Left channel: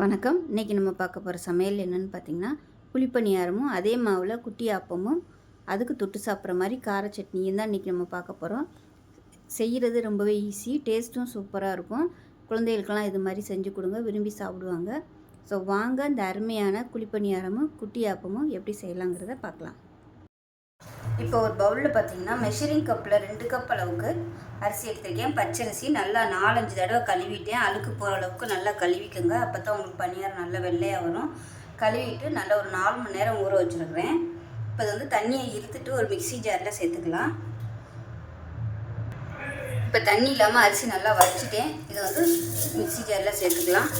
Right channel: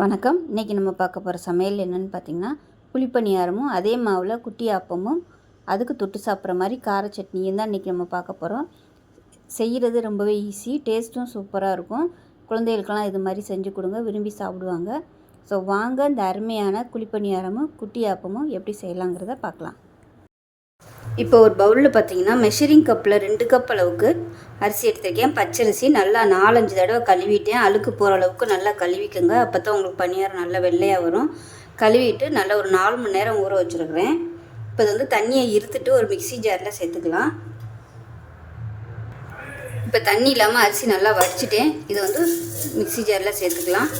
வணக்கம். இன்றைக்கி நம்ம பார்க்க போகிற சமையல் என்னென்னு பார்த்திங்கன்னா, குழிப்பணியாரமும் அதே மாவில் குட்டி ஆப்பமும் அதுக்கு தொட்டு சாப்பிட்ற மாதிரி கார சட்னியும் தான் இன்றைக்கி நம்ம பார்க்க போகிறோம். செய்கிறது ரொம்பவே ஈஸி, டேஸ்ட்டும் சூப்பராக இருக்கும். குழந்தைகளுக்கெல்லாம் இது மாதிரி செஞ்சு கொடுங்க, விரும்பி சாப்பிடுவாங்க. ஸோ வாங்க இந்த அருமையான குழிப்பணியாரமும் குட்டி ஆப்பமும் எப்படி செய்யலாங்கிறத பார்க்கலாம். இப்போ ஒரு பவுலில் பார்த்திங்கன்னா மெஷரிங் கப்பில் 2 கப் அளவுக்கு அரிசி எடுத்துருக்கேன். பச்சரிசி நல்லா 4-5 தடவை கழுவிட்டேன். அழுக்கு போகிற அளவுக்கு நல்லா கழுவிக்கோங்க. அப்போ தான் உங்களுக்கு பணியாரம் நல்லா வெள்ளையாக வரும். கழுவிட்டு நல்லா ஒரு 4 மணி நேரம் ஊற வச்சுருக்கிறேன். இப்போ இது வந்து தண்ணியை இருத்துட்டு ஒரு மிக்ஸி ஜாரில் சேர்த்துக்கலாம். இப்போ தண்ணி இல்லாமல் அரிசி நல்லா வடிச்சிட்டேன். இதை வந்து மிக்ஸி ஜாரில் சேர்த்துக்கலாம்.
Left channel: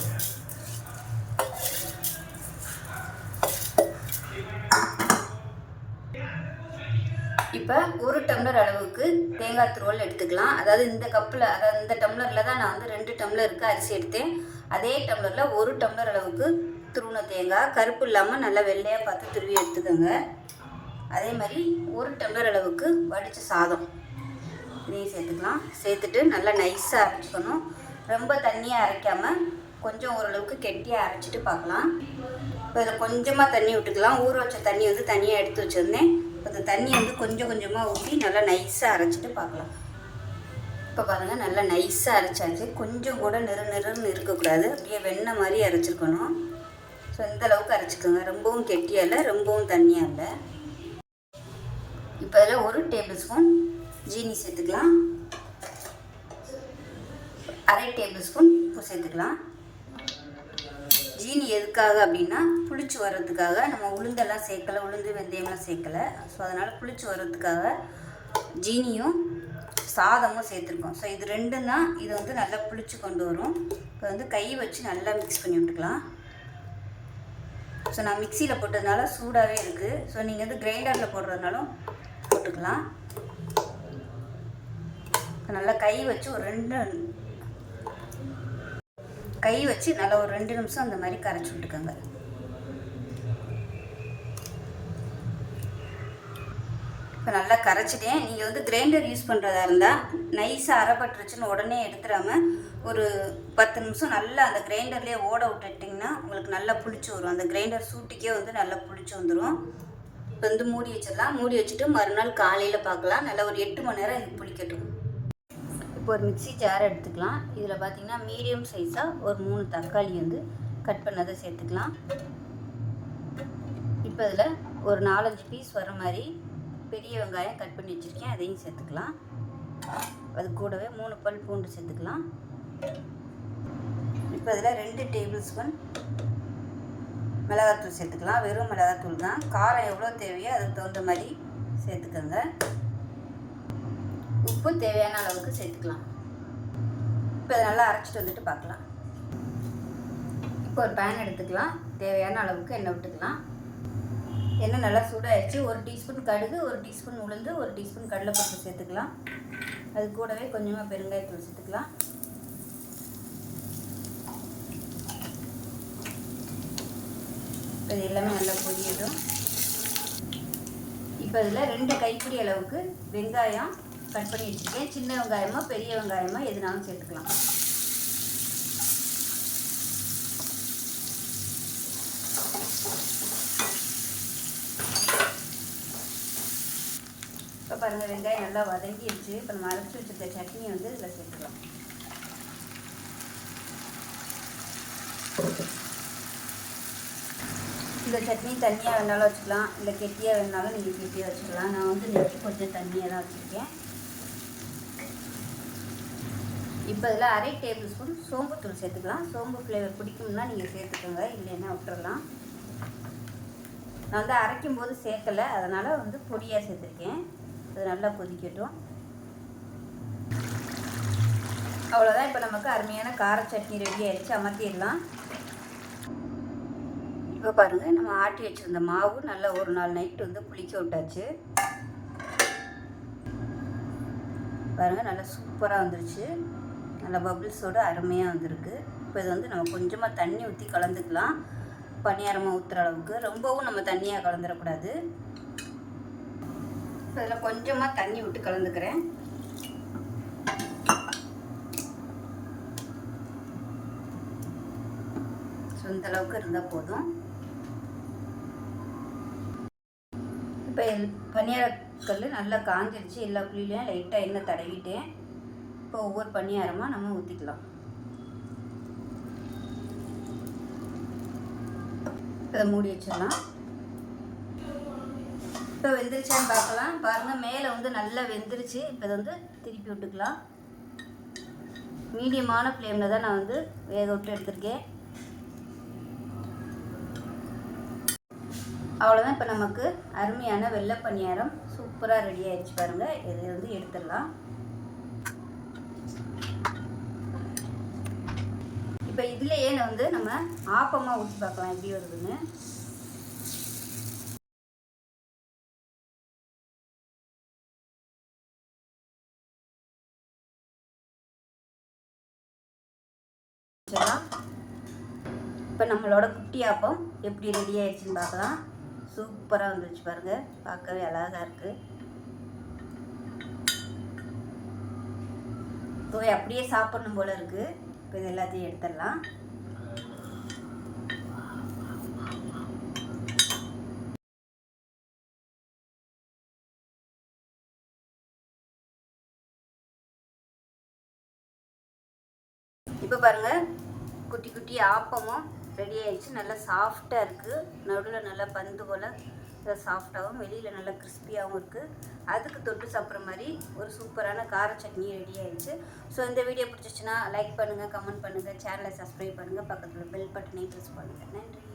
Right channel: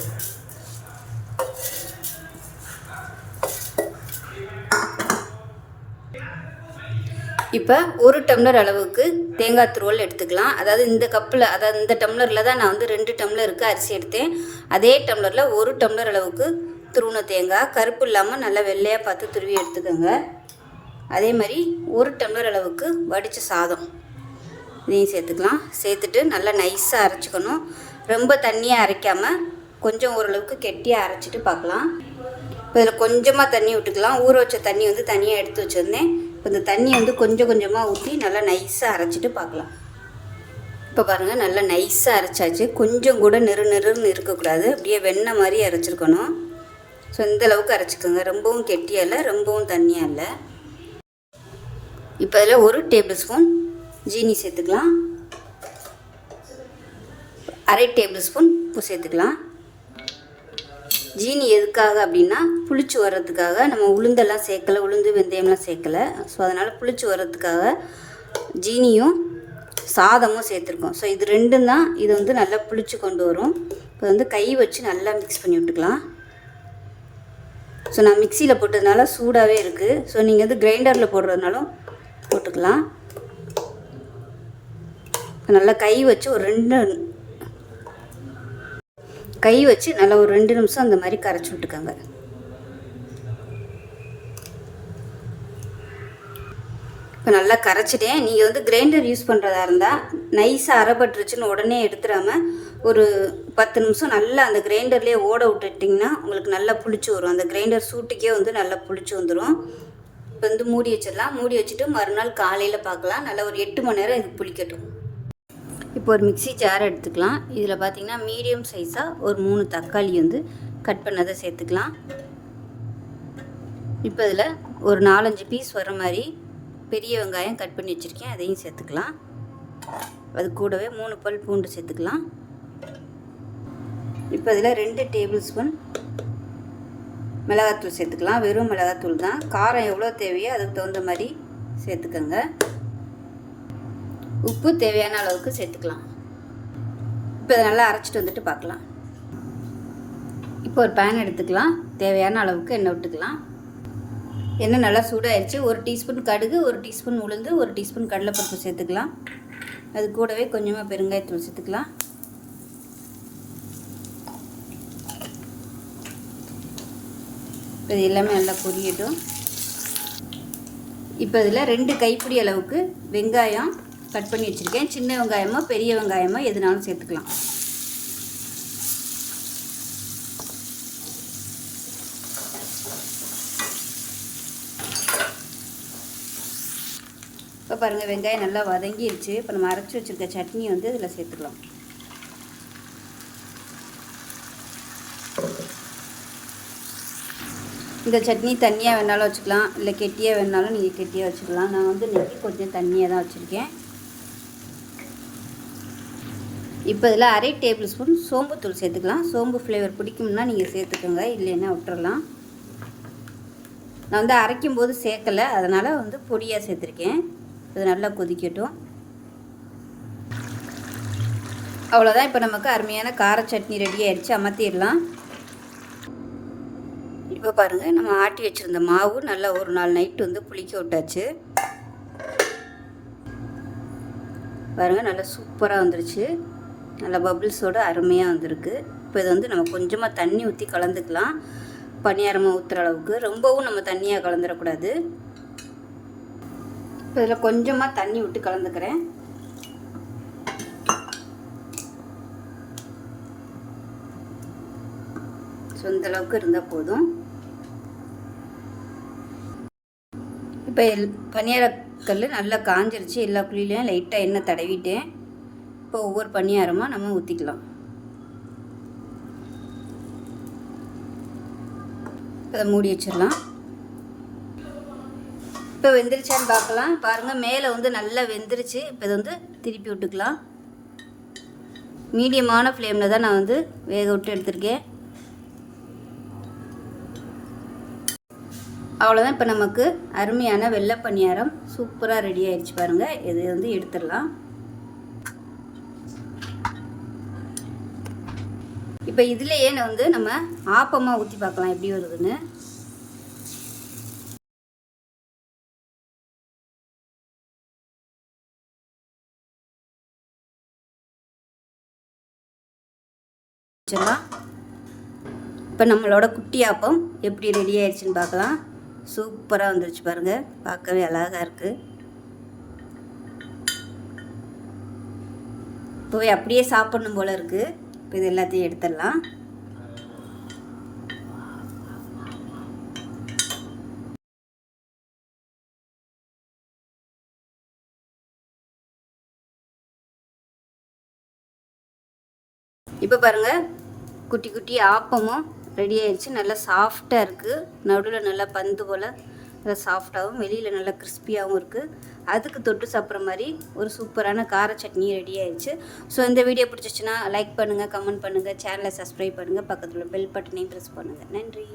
இப்போ 1 டம்ளர் அளவுக்கு தேங்காய் துருவல் எடுத்துக்கலாம். அதாவது இந்த கப்பில், அதாவது இந்த டம்ளரில் தான் நான் வந்து 2 டம்ளருக்கு அரிசி எடுத்தேன். அதே டம்ளரில் 1 டம்ளர் அளவுக்கு துருவின தேங்காய், கருப்பு இல்லாமல் நல்லா வெள்ளையாக பார்த்து துருவி எடுத்துக்கோங்க. அதே மாதிரி 1 டம்ளர் அளவுக்கு வடித்த சாதம் இதையும் சேர்த்துக்கலாம். சேர்த்துட்டு நல்லா நைஸாக அரைச்சிக்கணும். ரொம்ப தண்ணியாக அரைக்காமல் கொஞ்சம் ஓரளவுக்கு கெட்டியாக அரைச்சிட்டு பார்க்கலாம். இப்போ இதில் கொஞ்சமாக தண்ணி விட்டுக்கலாம். ஊற வச்ச தண்ணி வந்து தனியாக எடுத்து வச்சுருந்தேன். இப்போ இந்த தண்ணி வந்து கொஞ்சம் கொஞ்சமாக ஊற்றி நல்லா நைஸாக அரைச்சிட்டு பார்க்கலாம். இப்போ பாருங்கள், நல்லா நைஸாக அரைச்சாச்சு. கொஞ்சம் கூட நெருன்னு இருக்கக்கூடாது, அப்படியே வெண்ணெய் மாதிரி அரைச்சிருக்கணும். ஸோ இந்த அளவுக்கு அரைச்சிக்கோங்க. ரொம்பவும் கெட்டியாக இல்லை, ரொம்பவும் தண்ணியாக இல்லை. இப்போ அதில் 1 டேபிள் ஸ்பூன் ஜீனி சேர்த்துக்கலாம். 1/2 டேபிள் ஸ்பூன் உப்பு சேர்த்துக்கலாம். ஜீனி எதுக்காக அப்படின்னா புளிச்சு வர்றதுக்காக. நம்ம உளுந்தெல்லாம் சேர்க்கலை, உளுந்து வெந்தயம்லாம் சேர்க்கலை. ஸோ அதனால் புளிச்சு வர்றதுக்காக ஜீனியும் சாதமும் சேர்த்துருக்கோம். ஸோ இது ரெண்டும் தான் இது வந்து நல்லா புளிச்சு கொண்டு வரும். இப்போ வந்து கை வச்சு நல்லா மிக்ஸ் பண்ணி விட்டுக்கலாம். ஸோ நான் மிக்சியில் போட்டதுனால சூடாகவே இருக்குது. ஸோ நீங்கள் வந்து கிரைண்டரில் போடுறதுனாலும் போட்டுக்கலாம். நல்லா கை வச்சு நல்லா ஒரு 2 நிமிஷம் அந்த மாதிரி கரைச்சி விட்டுக்கோங்க. இப்போ நல்லா கரைச்சிட்டேன். நீங்கள் வந்து கிரைண்டர் யூஸ் பண்ணுறதா இருந்தால் நைஸாக அரைப்பட்டுருச்சுன்னு உடனே எடுத்துடாமல் ஒரு 10 நிமிஷம் நல்லா அந்த கிரைண்டர்லேயே ஓட விட்டுட்டிங்கன்னா உங்களுக்கு நல்லா புளிச்சு வரும். அந்த கிரைண்டர் சூட்டுக்கே வந்து நல்லா புளிச்சு வந்துடும். இப்போ வந்து மூடி வச்சிடலாம். மூடி வச்சுட்டு மறுநாள் காலையில் பார்க்கலாம். நல்லா ஒரு 8 மணி நேரம் இது புளிக்கட்டும். இப்போ ஒரு மிக்ஸி ஜார் எடுத்துக்கலாம். இதில் பார்த்திங்கன்னா மீடியம் சைஸாக ஒரு 3 தக்காளி வந்து கட் பண்ணதை சேர்த்துக்கலாம். இப்போ இதில் ஒரு 4-5 பீஸ் வர மாதிரி பெரிய வெங்காயம் கட் பண்ணி வச்சுருக்கேன், அதையும் சேர்த்துக்கலாம். அது கூடவே 3 பல் பூண்டு சேர்த்துக்கலாம். இப்போ இதில் 2 டேபிள் ஸ்பூன் மிளகாத்தூள் சேர்த்துக்கலாம். வெறும் மிளகாத்தூள் தான். காரம் எவ்வளோ தேவையோ அதுக்கு தகுந்த மாதிரி சேர்த்துக்கோங்க. உப்பு தேவையான அளவுக்கு சேர்த்துக்கலாம். இப்போ இதை நல்லா அரைச்சிட்டு வந்துட்டு பார்க்கலாம். இப்போ ஒரு பேன் எடுத்துக்கலாம். தேவையான அளவுக்கு எண்ணெய் விட்டுக்கலாம். எண்ணெய் நல்லா சூடாகிடுச்சு. 1 டீஸ்பூன் கடுகு, 1 டீஸ்பூன் உளுந்து, 1 டீஸ்பூன் கடலைப்பருப்பு சேர்த்துக்கலாம். அது கூடவே கொஞ்சமாக பெருங்காயத்தூள் சேர்த்துக்கலாம். இது எல்லாமே நல்லா பொரியட்டும். இப்போ இதில் 2 கைப்பிடி அளவுக்கு வெங்காயம் கட் பண்ணி வச்சுருக்கேன். சின்ன வெங்காயமோ பெரிய வெங்காயமோ எதுனாலும் சேர்த்துக்கலாம். இப்போ பாருங்கள், வெங்காயம் நல்லா வதங்கிடுச்சு. இப்போ நம்ம அரைச்சி வச்சுருக்க சட்னி வந்து இதில் சேர்த்துக்கலாம். இந்த சட்னி தண்ணியாக வேணாலும் வச்சுக்கலாம், இல்லை கெட்டியாக வேணாலும் நீங்கள் கெட்டியாக வச்சுக்கலாம். நான் வந்து நெக்கி கொஞ்சம் தண்ணியாக தான் வச்சுருக்கேன். இப்போ இதில் 1/2 டேபிள் ஸ்பூன் சோம்புத்தூள் சேர்த்துக்கலாம். சோம்பு ஃப்ளேவர் பிடிக்கும்னா நீங்கள் சேர்த்துக்கோங்க, இல்லைன்னா விட்டுறலாம். நான் வந்து அரைக்கும் போது சேர்க்கலை, அதனால் வந்து பொடியாக சேர்த்துருக்கேன். இது நல்லா கொதிக்கட்டும். அவ்வளோதான். இப்போ நமக்கு அருமையான கார சட்னி ரெடி ஆயிடுச்சு. அமர்த்திடலாம். இப்போ பாருங்கள், நம்ம ஆட்டி வச்சுருந்த மாவு நல்லா ஒரு நாள் நைட்டு வந்து புளிக்க விட்டாச்சு. பாருங்கள், நல்லா சூப்பராக வந்துருச்சு. நல்லா பபிள்ஸோடு அருமையாக வந்திருக்கு. இப்போ இது வந்து நம்ம கொஞ்சமாக தண்ணி ஊற்றி கலந்துக்கலாம். பணியாரமாக ஊற்றுற அளவுக்கு. ரொம்பவும் நம்ம தண்ணியாக கலந்துடக்கூடாது. இப்போ இதில் கொஞ்சமாக தண்ணி விட்டு கலந்துக்கிறேன். ஸோ இந்த அளவுக்கு இருந்தால் போதும். இப்போ பணியாரக்கல் நல்லா காஞ்சிருச்சு. எல்லா குழியிலையும் லைட்டாக எண்ணெய் தடவிட்டேன். இப்போ ஒவ்வொரு பணியாரமாக நம்ம ஊற்றிக்கலாம். இதை மூடி வச்சிடலாம். இப்போ வெந்துருச்சான்னு பார்க்கலாம். பாருங்கள், மேலே வந்து நல்லா வெந்துருச்சு. இப்போ இது வந்து திருப்பி விட்டுக்கலாம். மீடியமான ஃப்ளேமில் தான் நான் வந்து வேக விட்டு எடுத்திருக்கேன். அவ்வளோதான். இப்போ நமக்கு அருமையான வெள்ளை பணியாரம் சூப்பராக ரெடி ஆயிடுச்சு பாருங்கள். இது வந்து எடுத்துடலாம். இப்போ இதுலேயே வந்து நம்ம ஆப்பமாக ஊற்றி பார்க்கலாம் எப்படி வருதுன்னு. இப்போ நம்மளோட குட்டி ஆப்பம் எப்படி ரெடி ஆயிடுச்சுன்னு பார்க்கலாம். சூப்பராக வந்துருச்சு பாருங்கள். பார்க்கவே அழகாக இருக்குது. இப்போவே அப்படியே சாப்பிடணும் போல் இருக்குது. இப்போ இது எல்லாத்தையும் எடுத்துடலாம். இப்போ பாருங்கள், குட்டி குட்டி ஆப்பமும் ரெடி ஆயிடுச்சு. நல்லா சாஃப்டாக இருக்குது. நடுவில் நல்லா பந்து போல் நல்லா சாஃப்டாகவும் வெளியில் நல்லா கிறிஸ்பியாகவும் இருக்குது. அதுக்கு தொட்டு சாப்பிட்ற மாதிரி ஒரு சூப்பரான கார சட்னி ரெடி ஆயிடுச்சு. ஸோ இந்த வீடியோ பிடிச்சிச்சுன்னா லைக் பண்ணுங்கள், கமெண்ட் பண்ணுங்கள், சேனலை சப்ஸ்கிரைப் பண்ணுங்கள், பக்கத்தில் பெல் பட்டனையும் ப்ரெஸ் பண்ணுங்கள். நன்றி.